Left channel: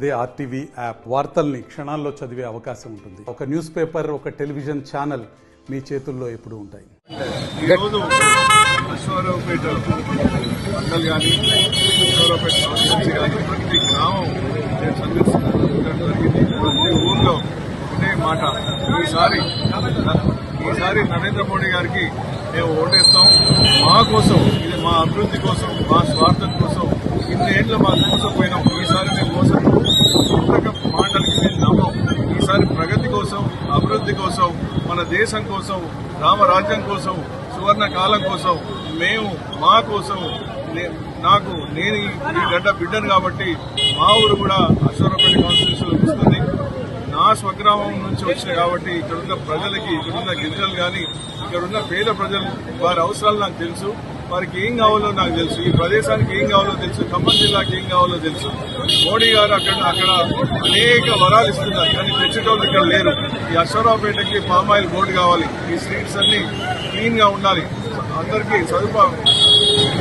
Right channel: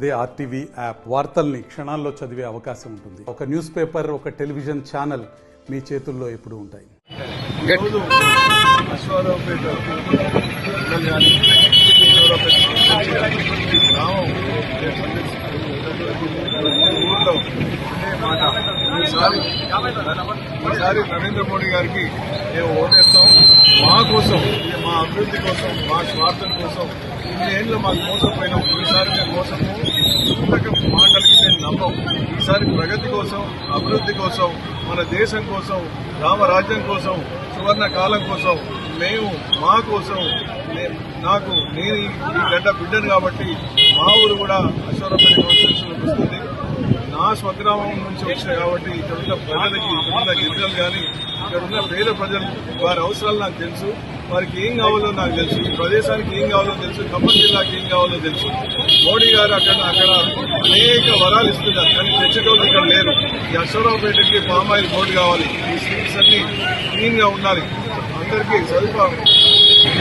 అదే RTV app వార్తల్ని క్షణాల్లో చదివే అవకాశం ఉంటుంది. ఒక న్యూస్ పేపర్, ఒక టెలివిజన్ ఛానల్ మీ చేతుల్లో ఎప్పుడూ ఉంటాయి. ఈరోజు అశ్వారావుపేట మండల్ కానీ అశ్వారావుపేట కాన్స్టిట్యూన్సీ కానీ ప్రతి గ్రామం ప్రతి ఊర్లో ఒకటే మాట, ఈసారి నరేంద్ర మోడీ గారికి మేము ఓటేస్తాం. మా కోసం, మా అభివృద్ధి కోసం, మా స్వార్థం కోసం ఇన్ని ఏళ్ళు మాకు మోసపోయినాం. ఈసారి మేము మోసపోయి మాటలకి మేము నమ్మం. ఈసారి ప్రగతి కోసం, అభివృద్ధి కోసం, మన దేశం కోసం, రామరాజ్యం కోసం, సువర్ణ కాలం కోసం, మేము మా కోసం, నేను ఈ గడ్డ బిడ్డను కాబట్టి మా ఊరు కూడా అశ్వారావుపేట కాన్స్టిట్యూన్సీలో వస్తుంది. నా స్వగ్రామం నుంచి వచ్చిన కాబట్టి ఇక్కడున్న ప్రజలకి, ఇక్కడున్న గిరిజనులు కానీ, ఇక్కడున్న పేద ప్రజలు వారి అవసరాలు నాకు తెలుసు. వారికి ఏం కావాలో నాకు తెలుసు. ఈ ప్రదేశానికి ఏం కావాలో తెలుసు. ఖమ్మం జిల్లాకి ఏం కావాలో తెలుసు. మోడీ గారు అక్కడ అనేక వరాలు ఇస్తున్నారు, కానీ తెచ్చేటోళ్ళు ఇక్కడ లేరు. ఈ అశ్వారావుపేటకి పామాయిల్ బోర్డు కావాలి. ఈ స్ట్రీట్స్ అన్ని క్లీన్ గా ఉండాలి. అందరికీ సదుపాయం,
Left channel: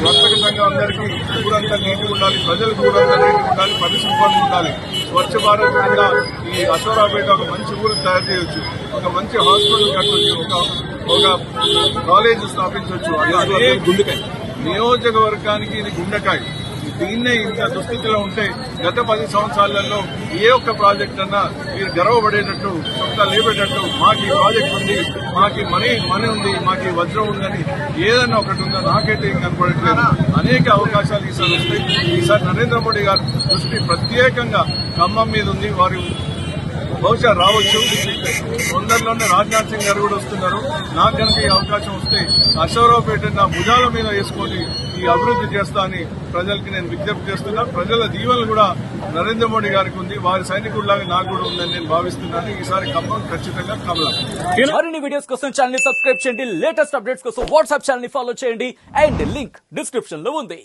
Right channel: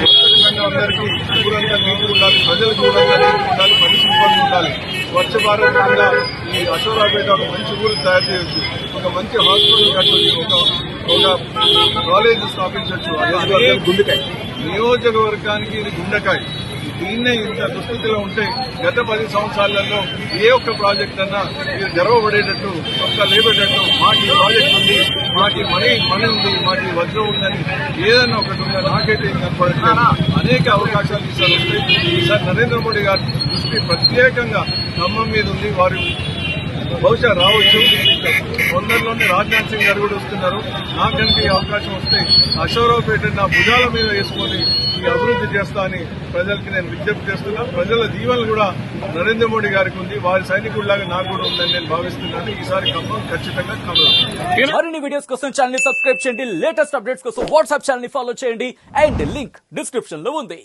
వర్తక సంఘం అందరికీ ఊరంతా నీటిగా ఉండాలి. ప్రజలకు ఊరంతా నీటిగా ఉండాలి. పరిశుభ్రంగా ఉండాలి. స్వచ్ఛ భారత్ కింద ఈ అశ్వారావుపేట ఒక మంచి ఊరు తయారు చేయొచ్చు. ఒక మంచి హాస్పిటల్ కట్టొచ్చు. ఒక కాలేజ్ స్థాపించవచ్చు. నియోజకవర్గానికి ఇది గుండెకాయ. దీన్నే ఇంత దుస్థితిలో ఉంటే గత 10 సంవత్సరాలలో ఏ ఒక్క ప్రాజెక్ట్ అన్నా ఇది గర్వపడేటట్టు, చొక్కా లేపేటట్టు, మాకు ఈ ప్రాజెక్ట్ ఉంది, మాకు మనీ ఉంది, మాకు వజ్రం ఉందని ఏదన్నా ఒకటి ఉందా నాకైతే ఏం కనపడట్లేదు. అనేక అవకాశాలు ఈసారి వస్తాయి. ఈసారి నరేంద్ర మోడీ గారి దృష్టి ప్రత్యేకంగా ఖమ్మం మీద ఉంది. వారు బహుశా రావచ్చు. తొందరలోనే రాజ్నాథ్ సింగ్ గారు కూడా వస్తున్నారు. నాకు కనుక ఈ అవకాశం వస్తే అశ్వారావుపేట నా భుజాల మీద వేసుకొని ఈ అభివృద్ధి చేస్తా అని ప్రజలకి నేను విజ్ఞప్తి చేస్తున్నా. ప్రజల దీవెనలు కూడా నరేంద్ర మోడీ గారికి ఉంది. వారి సైనికుల్లాగా నాకు కూడా ఉందని నేను భావిస్తున్నాను. ఈసారి ఖమ్మం ఖచ్చితంగా కమలం. మరిన్ని వీడియోస్ కోసం ఛానల్ ని సబ్స్క్రైబ్ చేయండి. లేటెస్ట్ అప్డేట్స్ కోసం వాట్సాప్ ఛానల్ ని ఫాలో చేయండి. అండ్ లింక్ డిస్క్రిప్షన్ లో ఉంది.